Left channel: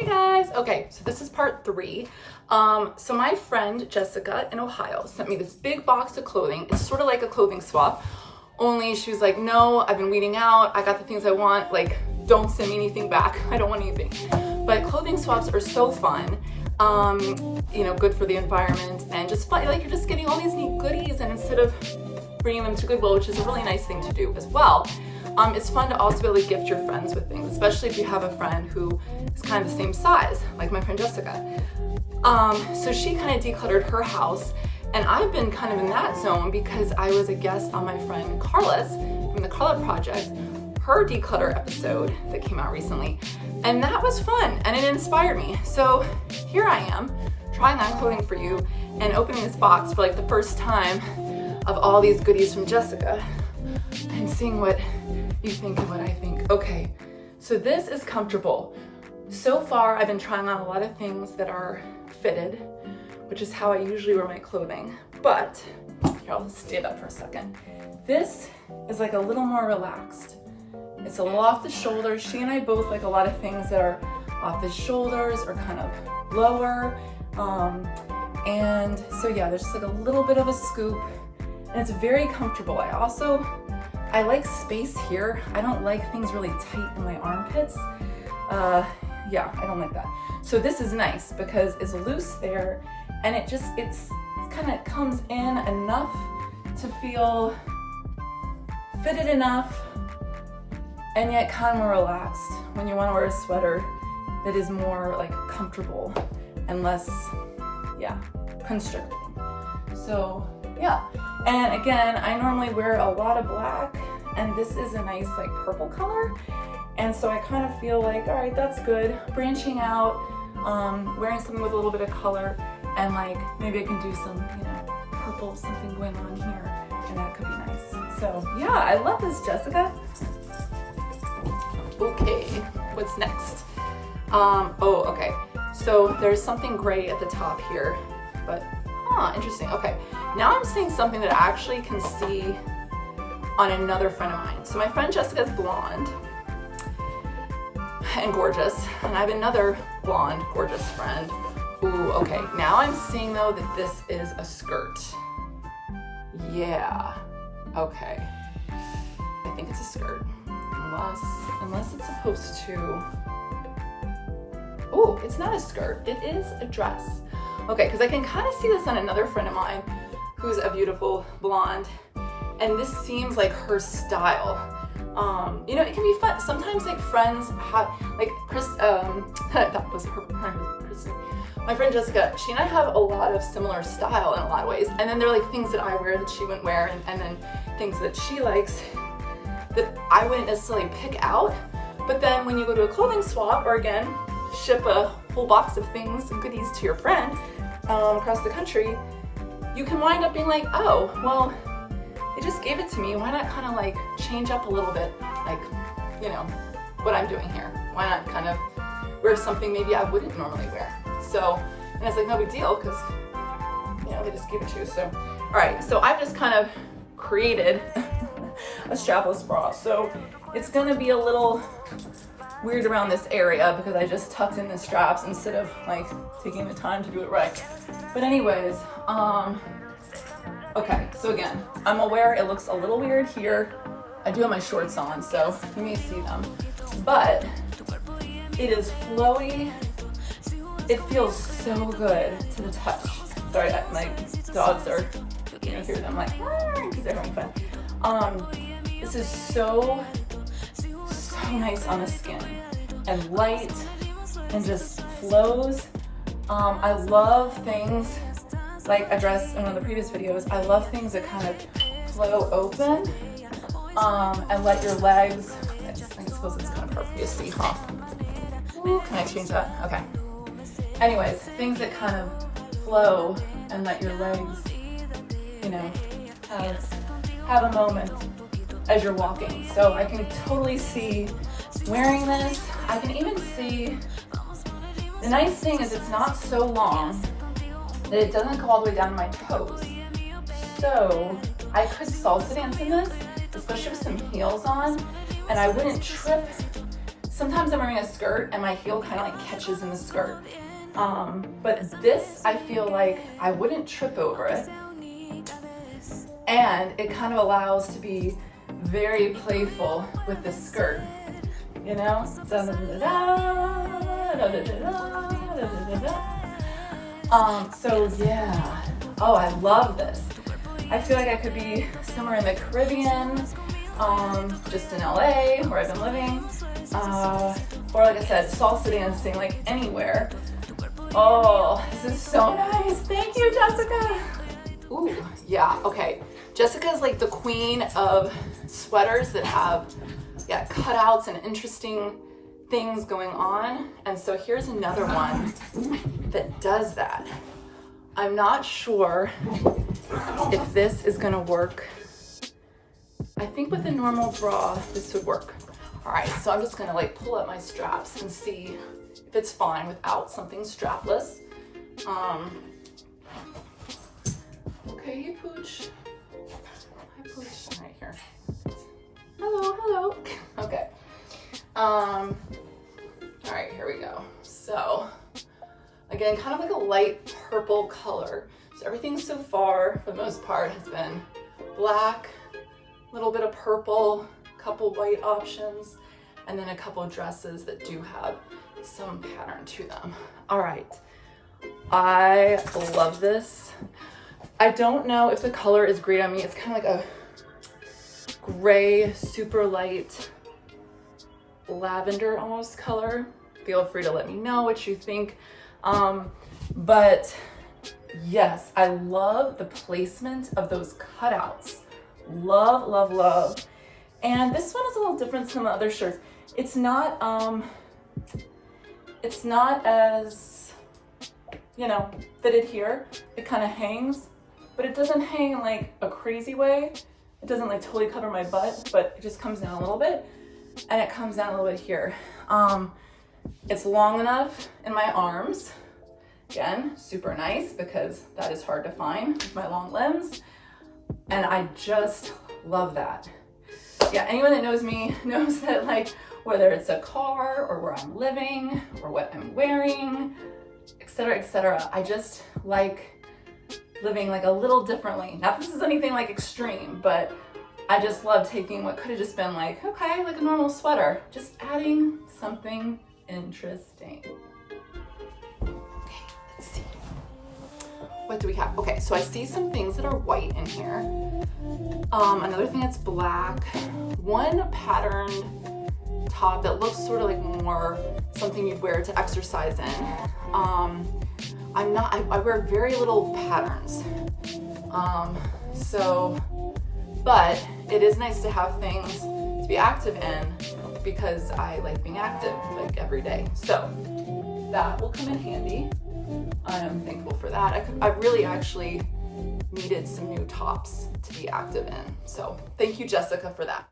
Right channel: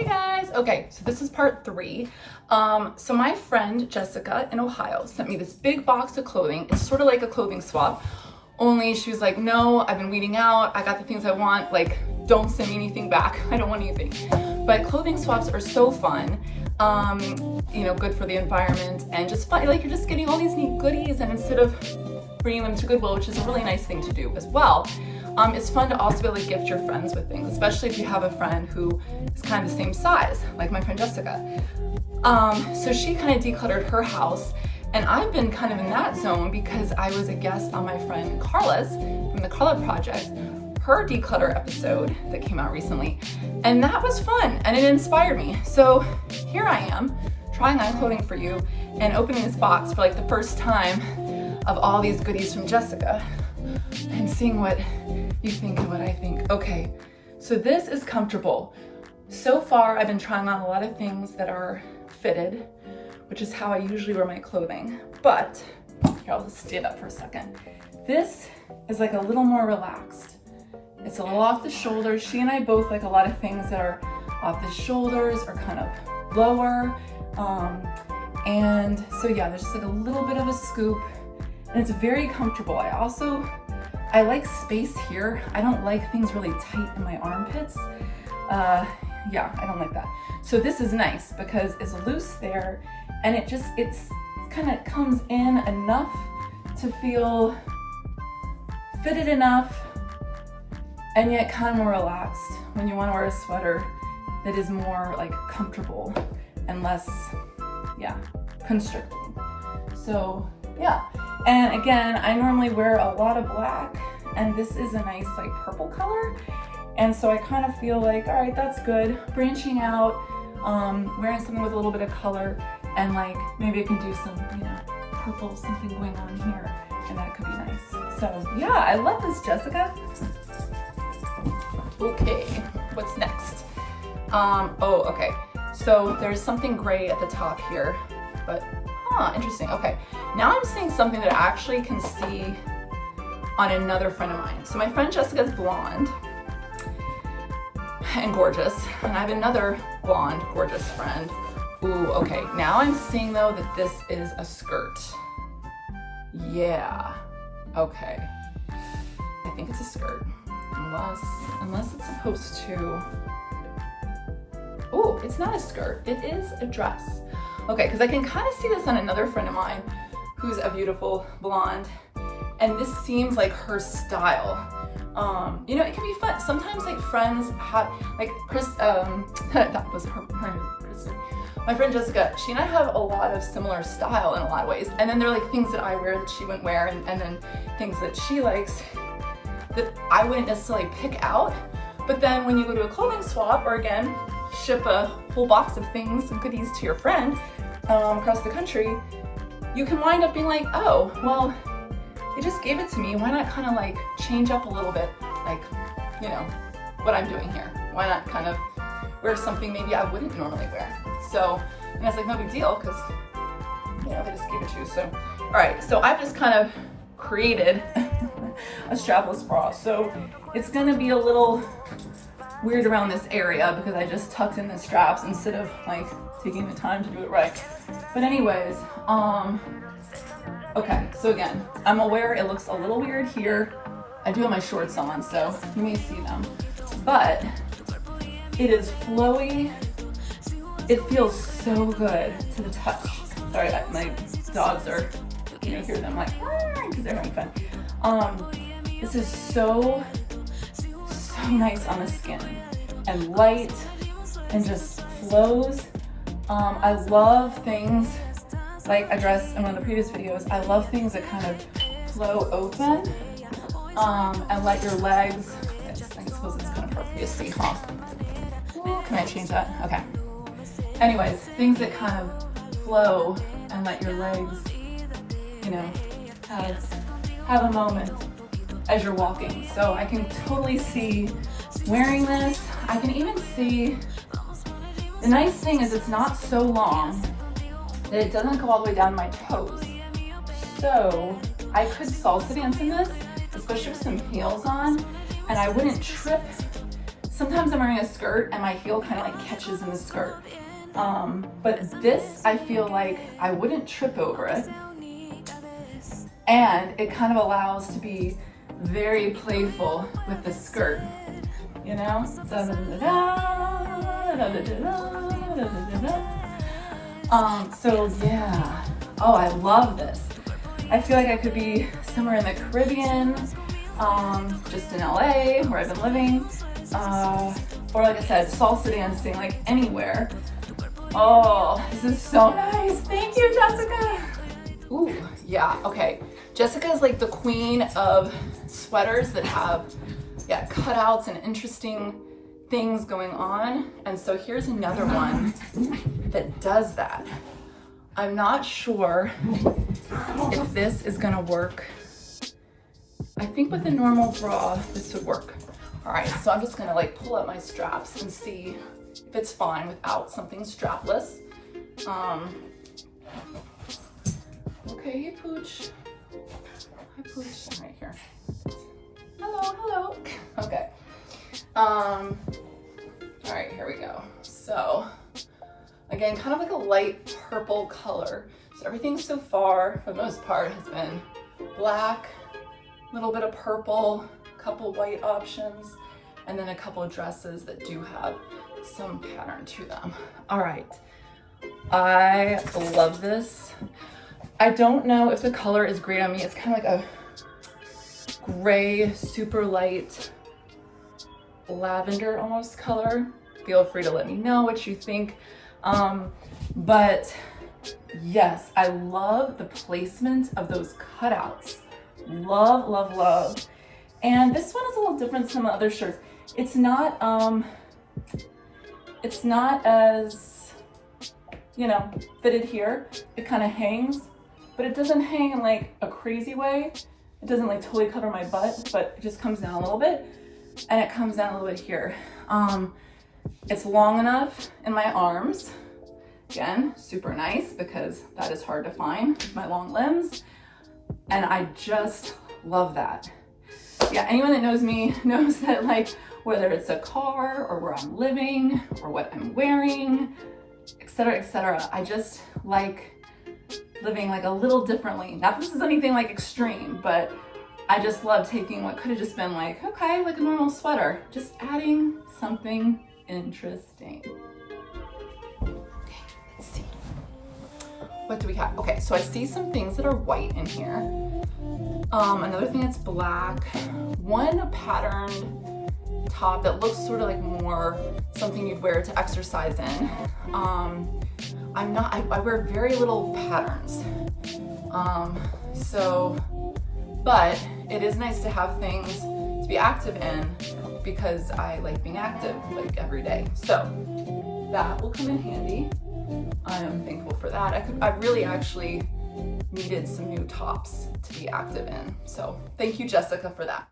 Hey guys, okay, so this is part 3. So my friend Jessica in Ohio sent me this big box of clothing. It's sort of like a clothing swap, only she was like, no, I've been weeding out, I got the things I want, like, don't send me anything back, I don't want anything. But clothing swaps are so fun, you know, good for the environment and just fun, like you're just getting all these neat goodies, and instead of bringing them to Goodwill, which is a really nice thing to do as well, it's fun to also be able to gift your friends with things, especially if you have a friend who is kind of the same size, like my friend Jessica. So she kind of decluttered her house, and I've been kind of in that zone because I was a guest on my friend Carla's from the Color Project, her declutter episode that came out recently, and that was fun and it inspired me. So here I am trying on clothing for you and opening this box for like the first time of all these goodies from Jessica and seeing what you think and what I think. Okay, so this is comfortable. So far, I've been trying on a lot of things that are fitted, which is how I usually wear my clothing. But, here, I'll just stand up for a second. This is like a little more relaxed. It's a little off the shoulders. She and I both like a lot of things that are off the shoulders or kind of lower. And so yeah, there's just like a little bit of a scoop, and it's very comfortable. I like space here. I don't like things really tight in my armpits. Yeah, I don't like that. So this is nice because it's loose there, and it kind of comes in enough to feel fitted enough, and yet kind of more relaxed when you want to wear a sweater that is more like comfortable and less, yeah, constricting. So yeah. And again, I normally wear a lot of black, and this is a nice like purple color. And so I kind of feel like, all right, that's good. Branching out, wearing something with a little bit of color, and like maybe I can do some, you know, purple something going on here, and that could be nice. So yeah, I love this, Jessica. Okay, what's next? Oh, okay. So there's something gray at the top here, but interesting. Okay, now I'm seeing something that I actually can see on another friend of mine. So my friend Jessica's blonde and gorgeous, and I have another blonde, gorgeous friend. Ooh, okay. Now I'm seeing though that this is a skirt. Yeah. Okay. I think it's a skirt, unless it's supposed to. Oh, it's not a skirt. It is a dress. Okay, because I can kind of see this on another friend of mine who's a beautiful blonde, and this seems like her style. You know, it can be fun. Sometimes like friends have, like that was her Kristen. My friend Jessica, she and I have a lot of similar style in a lot of ways, and then there are like things that I wear that she wouldn't wear, and then things that she likes that I wouldn't necessarily pick out. But then when you go to a clothing swap, or again, ship a whole box of things, some goodies to your friend across the country, you can wind up being like, oh, well, they just gave it to me. Why not kind of like change up a little bit, like, you know, what I'm doing here? Why not kind of wear something maybe I wouldn't normally wear? So, and it's like no big deal because, you know, they just gave it to you. So, all right, so I've just kind of created a strapless bra. So it's gonna be a little weird around this area because I just tucked in the straps instead of like taking the time to do it right. But anyways, okay, so again, I'm aware it looks a little weird here. I do have my shorts on, so you may see them, but it is flowy. It feels so good to the touch. Sorry, my dogs are, you know, hear them like, because they're having fun. This is so nice on the skin and light and just flows. I love things like I dressed in one of the previous videos. I love things that kind of flow open and let your legs, I suppose it's kind of hard for you to see, huh? Can I change that? Okay. Anyways, things that kind of flow and let your legs, you know, have a moment as you're walking. So I can totally see wearing this. I can even see, the nice thing is it's not so long that it doesn't go all the way down my toes. So I could salsa dance in this, especially with some heels on, and I wouldn't trip sometimes I'm wearing a skirt and my heel kind of like catches in the skirt. But this, I feel like I wouldn't trip over it. And it kind of allows to be very playful with the skirt, you know? So yeah. Oh, I love this. I feel like I could be somewhere in the Caribbean, just in LA where I've been living, or like I said, salsa dancing, like anywhere. Oh, this is so nice. Thank you, Jessica. Ooh, yeah, okay. Jessica is like the queen of sweaters that have, yeah, cutouts and interesting things going on. And so here's another one that does that. I'm not sure if this is gonna work. I think with a normal bra, this would work. All right, so I'm just gonna like pull up my straps and see if it's fine without something strapless. Okay, hey Pooch. Hi Pooch, right here. Hello, hello. Okay. All right, here we go. So, again, kind of like a light purple color. So everything so far, for the most part, has been black, a little bit of purple, a couple white options, and then a couple of dresses that do have some pattern to them. All right, I love this. I don't know if the color is great on me. It's kind of like a gray, super light, lavender almost color. Feel free to let me know what you think. But yes, I love the placement of those cutouts. Love, love, love. And this one is a little different from the other shirts. It's not as, you know, fitted here. It kind of hangs, but it doesn't hang in like a crazy way. It doesn't like totally cover my butt, but it just comes down a little bit, and it comes down a little bit here. It's long enough in my arms. Again, super nice because that is hard to find with my long limbs. And I just love that. Yeah, anyone that knows me knows that, like, whether it's a car or where I'm living or what I'm wearing, etc., I just like living like a little differently. Not that this is anything like extreme, but I just love taking what could have just been like, okay, like a normal sweater, just adding something interesting. Let's see. What do we have? Okay, so I see some things that are white in here. Another thing that's black. One patterned top that looks sort of like more something you'd wear to exercise in. I wear very little patterns. But it is nice to have things to be active in because I like being active like every day. So that will come in handy. I am thankful for that. I really actually needed some new tops to be active in. So thank you, Jessica, for that.